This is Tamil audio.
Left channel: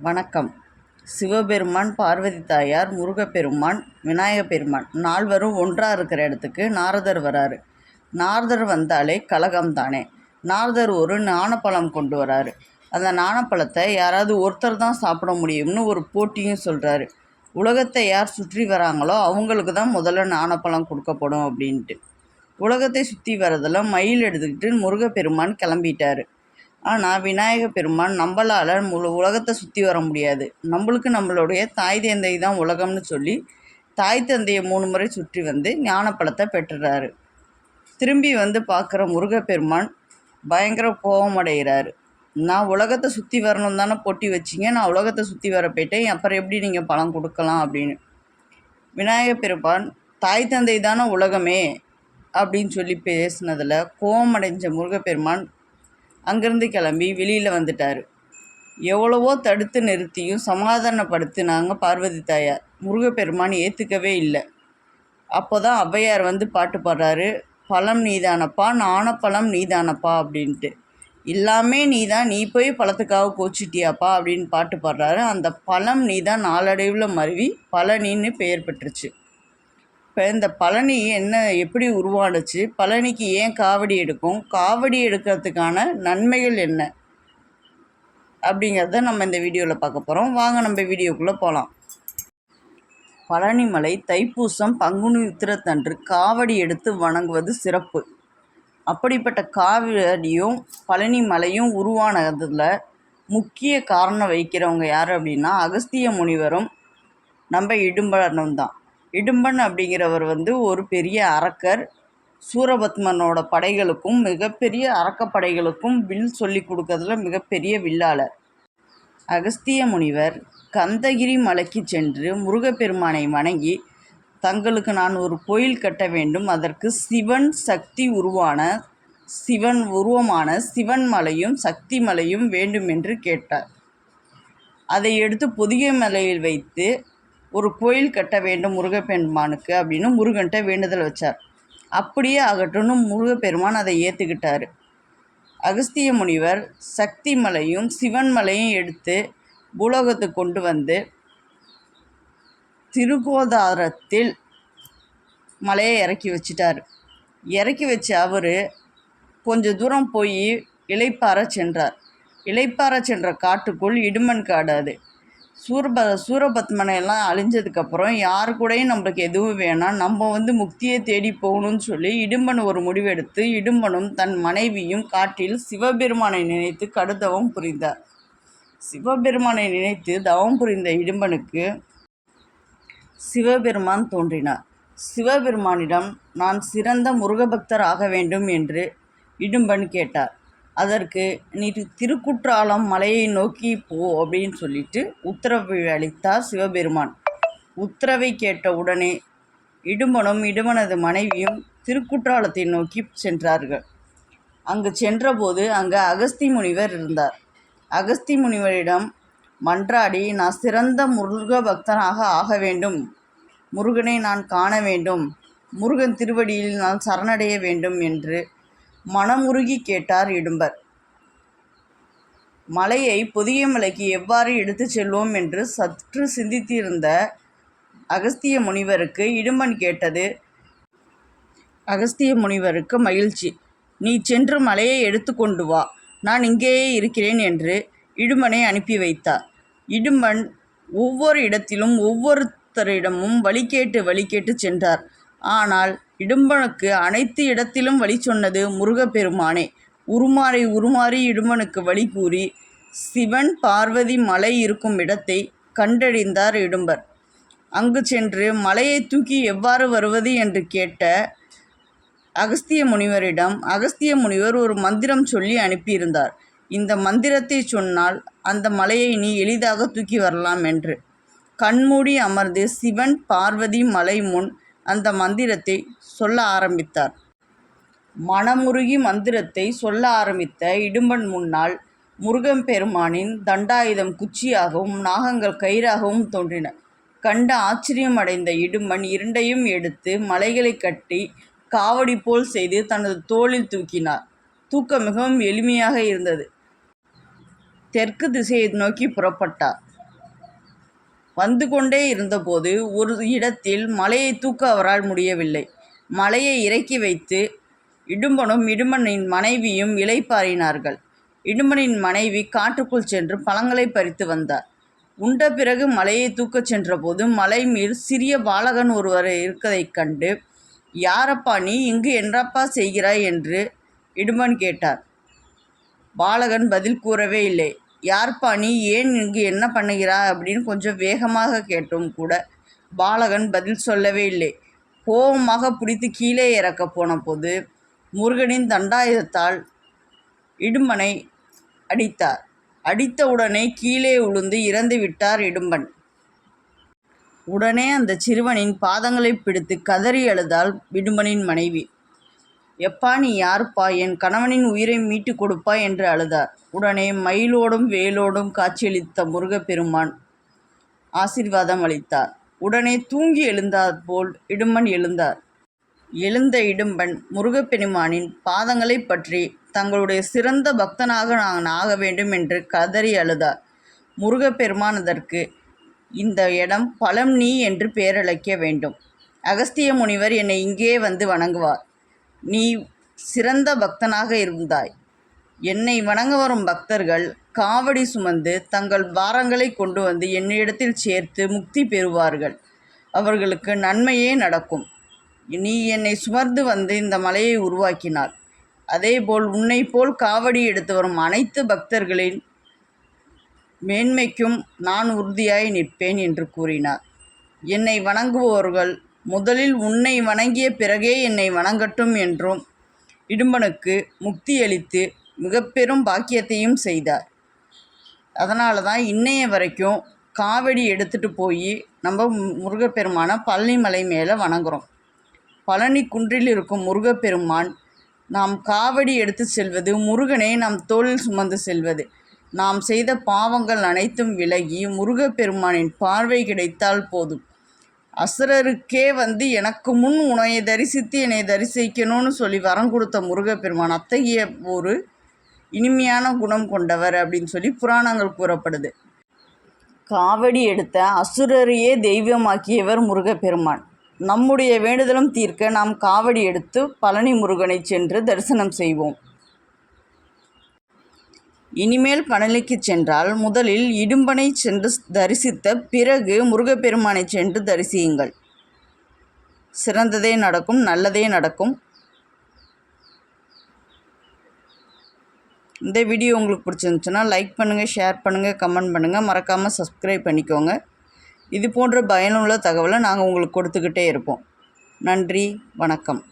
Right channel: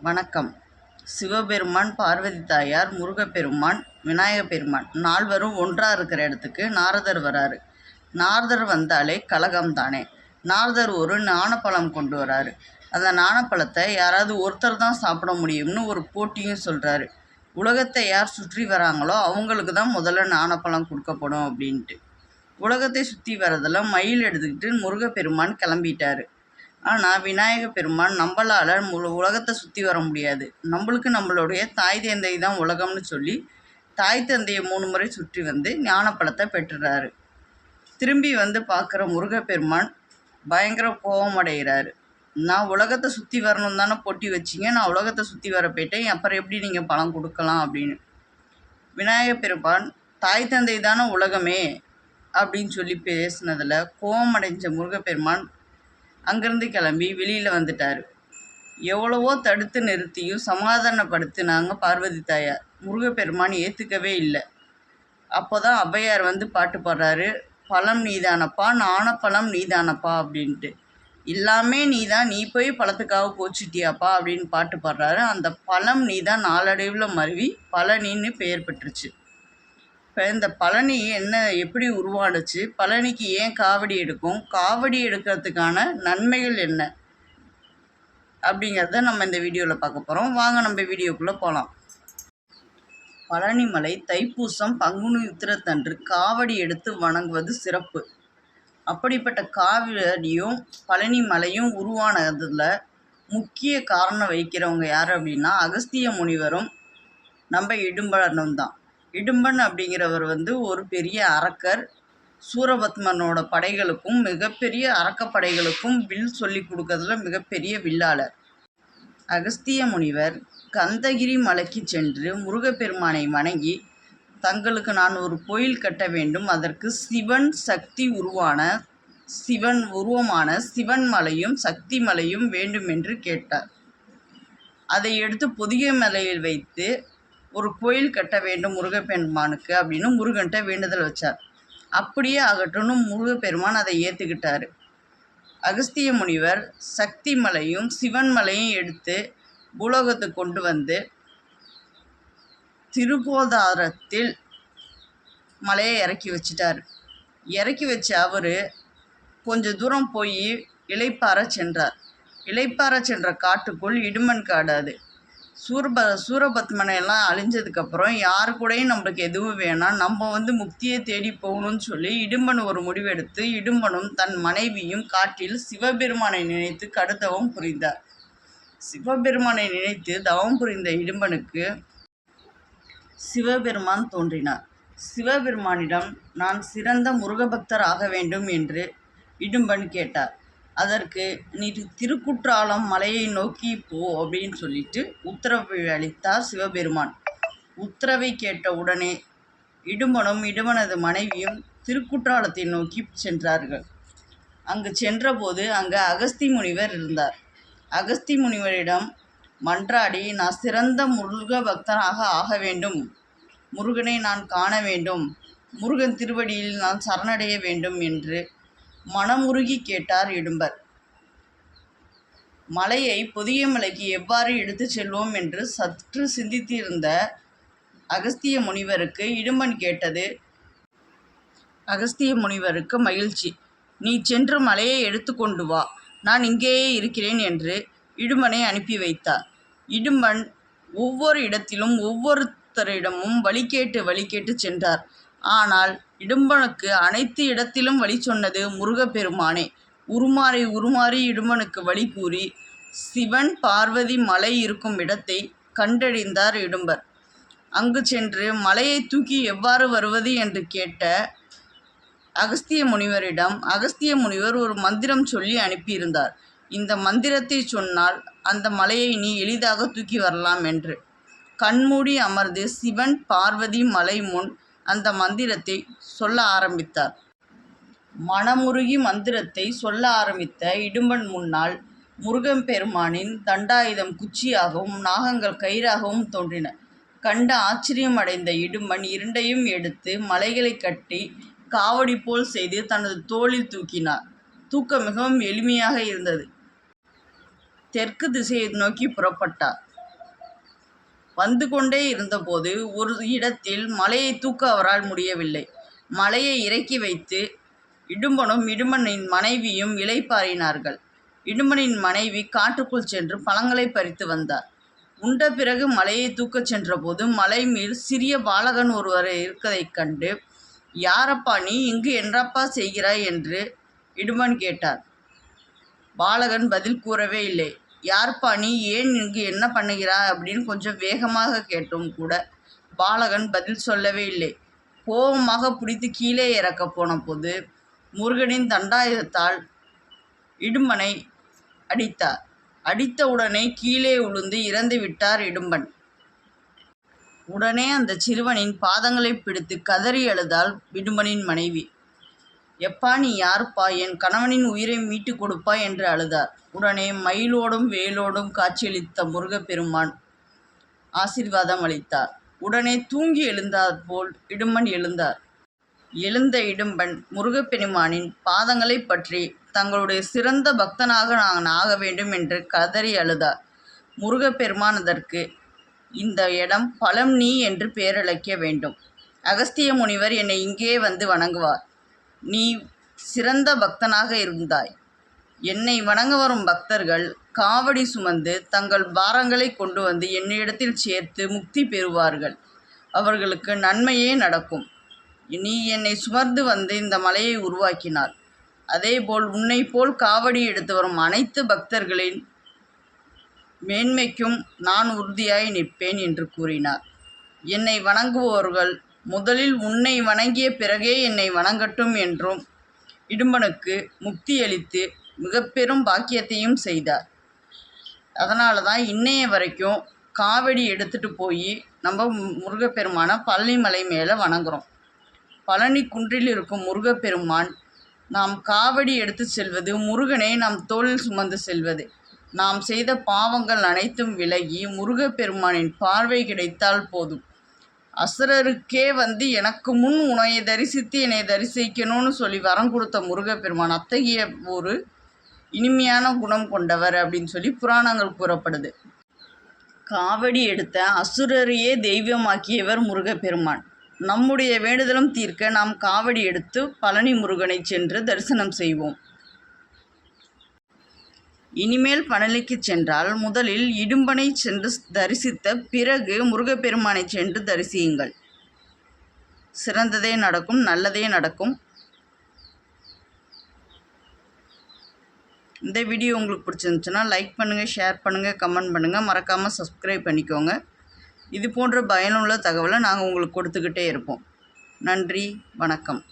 வணக்கம். சிவபெருமான் பார்வதி தாயார் முருகப்பெருமான் விநாயகப் பெருமான் நால்வரும் ஒன்றாக இருக்கிற இடத்துக்கு நாரதர் வராரு. நாரதர் வந்தாலே கலகம் தானே நாரதர் ஒரு ஞானப்பழம் கொண்டு வராரு. அந்த ஞானப்பழத்தை யாராவது ஒருத்தர் தான் சாப்பிட முடியும்னு ஒரு போட்டியும் சொல்கிறாரு உலகத்தை யார் சுற்றி வராங்களோ அவங்களுக்கு தான் முதல்ல ஞானப்பழம் கொடுக்கப்படும் அப்படின்ட்டு. உலகத்தை சுற்றி வரதில் மயில் எடுத்துக்கிட்டு முருகப்பெருமான் கிளம்பிட்டாரு. ஆனால் விநாயக பெருமான் நம்மளால் முழு உலகத்தை சுற்றி வர முடியாது. நம்மளுக்கு நம்மளுடைய தாய் தந்தை தான் உலகம்னு சொல்லி தாய் தந்தையை மூணு முறை சுற்றி வந்து ஞானப்பழத்தை பெற்றுறாரு. திரும்பி வந்து பார்க்குற முருகப்பெருமான் பயங்கர கோபமடைகிறாரு நான் உலகத்தை சுற்றி வரணும் தானே பொட்டி வச்சிங்க நான் உலகத்தை சுற்றி வர போயிட்டேன் அப்புறம் எப்படி நீங்கள் பழம் கொடுக்கலாம் அப்படின்னு. விநாயகப் பெருமான் தாய் தந்தை தானே உலகமே அப்படின்னு சொல்லி பேசினதில் கோபமடைஞ்ச முருகப்பெருமான் அங்கேருந்து கிளம்பி வெளியில் வந்துட்டார். எவ்வளவோ தடுத்து நிறுத்தியும் சமாதானப்படுத்தினாங்க பார்வதி தாயார். முருகப்பெருமான் ஏற்றுக்கவே இல்லை. அப்போ தான் ஔவையார் வந்து பாட்டு பாடுறாரு. பழம் நீதானப்பா நாணப்பழம் நீதானப்பா அப்படின்ட்டு. எல்லாமே நீ தான் நீ போய் பழத்துக்காக கோச்சிட்டியாப்பா அப்படின்னு பாட்டு பாடுறாரு. அந்த பழம் நீ தான் நாளடைவில் மருவி பழனின்னு பெயர் பெற்றுச்சு. இப்போ இந்த பழனி என்ன எப்படி உருவானுச்சு? பழனிக்கு ஏன் காவடி எடுக்கும்? காவடி எடுக்கிறதுக்கான நன்மைகள் என்ன? அப்படிங்கிறத நம்ம இந்த வீடியோவில் பார்க்க போகிறோம் வாங்க நம்ம வீடியோக்குள்ளே போகலாம் பழனிமலை தைப்பூசம் பங்குனி உத்திரத்தன்று காவடி எடுத்து வணங்குவது சிறப்பு. அப்படிப்பட்ட காவடியும் பழனி மலையும் உருவானதில் முக்கிய காரணம் வைக்கிறவங்க யார் அப்படின்னா அகஸ்திய முனிவரும் நம்ம இடும்பரனும் தான் இடும்பன் அப்படிங்கிறவர் வந்து ஒரு பெரிய அரக்கர். சூரபத்மனோட படைகளுக்கும் மிகப்பெரிய அரக்கப்படைகளுக்கும் வில் சொல்லி கொடுக்கறதுல மிகப்பெரிய வில்லாளர். அகஸ்திய முனிவர் கந்தகிரி மலைக்கு சென்று முருகப்பெருமானை வணங்கி தங்களுக்கு நான் ஒரு கோயில் கட்ட வேண்டும். அதற்கு சிவன் சக்தி உருவான சிவன் உருவமான சிவன் மலையும் சக்தி மலையும் வேண்டும் என்று கேட்டார். அதை எடுத்து பொதிகை மலையில் வைத்து ஒரு கோயில் கட்ட வேண்டும் முருகப்பெருமானுக்கு அப்படின்னு முருகன்கிட்ட வேண்டுதல் வச்சார். அப்படியே ஆகட்டும்னு முருகப்பெருமான் அதை ஏற்றுக்கிட்டார் அகஸ்திய முனிவர் சக்தி மலையும் சிவன் மலையும் எடுத்து பூலோகத்துக்கு கொண்டு வந்து திருகோதாரத்தில் மலையை இறக்கி வச்சிட்டார். இறக்கி வச்ச அவர் கொஞ்சம் தூரம் போய் இலைப்பார சென்றார். இலைப்பாற சென்ற காட்டுக்குள் இடுமன் காடு அது. சூரப சூரபத்மனையெல்லாம் அழிஞ்சதுக்கப்புறம் யார் கூடயும் நம்மளுக்கு எதுவும் வேணாம். நம்ம வந்து முக்தியை தேடி போகணும்னு சொல்லி இடும்பன் ஒரு முடிவெடுத்து இடும்பனும் தன் மனைவியும் காட்டில் சிவபெருமானை நினைத்து கடுத்தவம் புரிந்தார். சிவபெருமானை நினைத்து தவம் புரிந்த இடும்பனுக்கு சிவபெருமான் தோன்றினார். சிவபெருமானிடம் நான் சிறந்த முருகபக்தர் ஆக வேண்டும் என்று இடும்பன் கேட்டார். அதற்கு நீ திருக்குற்றாலம் மலையை நோக்கி போ அப்படின்னு சொல்லிட்டு உத்தரவு அளித்தார் சிவபெருமான். உத்தரவை கேட்ட உடனே இடுமனும் இடுமனது மனைவியும் திருக்குற்றாலத்தை நோக்கி சென்றார்கள். அங்கு சென்றபோது அங்கு அகஸ்தி முனிவர் இருந்தார். அகஸ்தி முனிவரிடம் மன்றாடி நான் சிறந்த முருக பக்தனாக ஆக வேண்டும். முருகனை நான் காண வேண்டும். முருகன் திருவடியில் நான் சரணடைய வேண்டும் என்று மனமுருகி கேட்டார் இடும்பர். மலையை புதிய மலைக்கு எவ்வாறு எடுத்துச் செல்வோம் என்று சற்று சிந்தித்திருந்த அகஸ்திய முனிவருக்கு இடும்பன் கேட்டது அகஸ்திய முனிவருக்கு மகிழ்ச்சி. நீ சென்று மலையை எடுத்துக்கொண்டு வா. நான் இங்கேயே இருக்கிறேன் என்று இடும்பனை அனுப்பி வைத்தார். இடும்பன் ஒவ்வொரு இடத்திலும் ஒவ்வொருத்தரிடமும் வழி கேட்டு வழி கேட்டு சென்றார். ஆனால் இடும்பனுக்கு அனைத்து இடத்திலும் வழி சொன்னது முருகப்பெருமானே. உருமாறி உருமாறி இடும்பனுக்கு வழி கூறி சிவன் பார்வதி மலை இருக்கும் இடத்தை கண்டறிந்தார் இடும்பர். அங்கு சென்று மலையை தூக்கி எவ்வாறு வருவது என்று கேட்ட அகஸ்திய முனிவரிடம் அகஸ்திய முனிவர் ஒரு மந்திரம் சொல்லி அனுப்பியிருந்தார். இந்த மந்திரத்தை சொன்னால் அந்த மலையை நீ எளிதாக தூக்கி வரலாம் என்று. கண்மூடி அமர்ந்து சிவன் பார்வதி மலை முன் அந்த மந்திரத்தை சொல்ல ஆரம்பித்தார். மனமுருகி மந்திரத்தை சொல்ல ஆரம்பித்த இடும்பன் முன்னால் முருகன் பெருமானின் தண்டாயுதம் குச்சியாகவும் நாகங்கள் கயிறாகவும் தோன்றின. கண்ட ஆச்சரியம் அடைந்த இடும்பன் இரண்டையும் எடுத்து மலைகளை கட்டி காவடி போல் செய்து தனது தோளில் தூக்கினார். தூக்கம் மிகவும் எளிமையாக இருந்தது. தெற்கு திசையை நோக்கி புறப்பட்டார். வந்து கொண்டே இருந்தபோது ஒரு இடத்தில் மலையை தூக்க அவரால் முடியவில்லை. மலையை இறக்கி வைத்து இடும்பனும் இடும்பனின் மனைவியும் இலைப்பாறினார்கள் இடும்பனின் மனைவி காட்டுக்குள் சென்று பழங்களை பறித்து வந்தார். உண்ட பிறகு மலையை தூக்கச் சென்றபோது மலை மேல் சிறிய பாலகன் ஒருவர் இருக்கதைக் கண்டு யாரப்பா நீ? இங்கு என்னப்பா செய்கிறாய்? என்று இடுமன் கேட்டார். பாலகன் பதில் கூறவே இல்லை. யார்ப்பா நீ ஏன் இங்கு என்ன பண்ணுகிறாய் அப்படின்னு கொஞ்சம் வேகமாக கேட்டும் கூட. பாலகன் பதில் சொல்லவே இல்லை. கோபமாக பிடித்து கீழே இறக்க போன போது முருகனின் தண்டாயுதத்தால் இடும்பனை அடித்தார். அடித்தவுடனே கீழே உளுந்து இறந்து விட்டார் இடும்பன். உடனே அந்த சிறுவனின் பாதங்களை பிடித்து கதறி அழுதாள் இடும்பனின் மனைவி. எப்பா நீ யாருப்பா? என் கணவனின் உயிரை மீட்டு கொடுப்பா என்று அழுதார். உடனே மயிலோடும் வேலோடும் காட்சியளித்த முருகப்பெருமான் ஆசீர்வாதம் அளித்தார். உடனே தூங்கி எழுந்தார் போல் இடும்பன் எழுந்தார். எழுந்த இடும்பன் முருகப்பெருமானின் பாதங்களை பற்றி தங்களுடைய சிறந்த பக்தனாக நான் ஆக வேண்டும் என்று கதறி அழுதார். முருகப்பெருமான் அதற்கு இந்த இடம் பழம் நீ என்று பெயரழைக்க வேண்டும். அகஸ்திய முனிவர் என்னை இங்கே வந்து வணங்குவார். நீ சிறந்த பக்தனாக இருந்தாய். என்னை வணங்க வரும் பக்தர்கள் காவடி சுமந்து தங்கள் பாரங்களை கொண்டு வந்து என்னிடத்தில் சேர்த்து முக்தி பெறுவார்கள். அவர்களுக்கு நன்மையே நடக்கும். நீ என்னை சுமர்ந்து வந்து இந்த மலையை உருவாக்கினார். அதேபோல் உன்னை போல் காவடி எடுத்து வரும் அனைத்து பக்தர்களின் மேன்மைக்கும் நான் உறுதியாய் நிற்பேன் என்று கூறினார். என்னை வணங்குபவர்கள் முதலில் உன்னை வணங்கிய பிறகே என்னை வணங்கட்டும் என்றும் இடும்பனுக்கு முக்தியளித்து மிக பெரும் பாக்கியத்தையும் செய்தார். அதனால தான் இன்னைய வரைக்கும் காவடி எடுத்துகிட்டு போய் நம்ம முருகப்பெருமானை பழனிமலை மேலே வணங்குறோம். பழனி குன்றில் இருக்கும் முருகப்பெருமான் நாம் காவடி எடுத்து செல்வது முருகனை நாம் தோளில் சுமந்து செல்வது. நாம் செய்த பாவங்கள் அனைத்தும் விலகி முருகப்பெருமானின் பார்வை கிடைத்தால் போதும். அசுரருக்கே வந்து எனக்கு முன் உனையை தரிசித்து என்னை தரிசிக்கணும்னு சொல்லி வரம் கொடுத்த முருகப்பெருமான் அத்தகைய ஒரு இனிமையான குணம் கொண்டவர் அப்படின்னு சொல்லி புராணங்கள் கூறப்படுது. காவடி எடுத்த அசுரரையே தெய்வமாக்கியவர் முருகப்பெருமான். நம்முடைய வேண்டுதலும் தீர்க்க நாம் காவடி எடுத்து பழனி முருகனை சென்று தரிசனம் செய்வோம். இனிமேல் பழனிக்கு சென்றால் முதலில் இடும்பனை சென்று தரிசித்த பிறகு முருகப்பெருமானை சென்று தரிசியுங்கள். சிறந்ததே நடக்கும் நல்லதே நடக்கும். இந்த வீடியோ உங்களுக்கு பிடிச்சிருந்துச்சுன்னா லைக் பண்ணுங்கள் ஷேர் பண்ணுங்கள் கமெண்ட் பண்ணுங்கள் மறக்காமல் சப்ஸ்கிரைப் பண்ணிக்கோங்க. இது போன்ற பயனுள்ள தகவலை நாங்கள் உங்களுக்கு கொடுத்துக்கிட்டே இருப்போம். நன்றி வணக்கம்.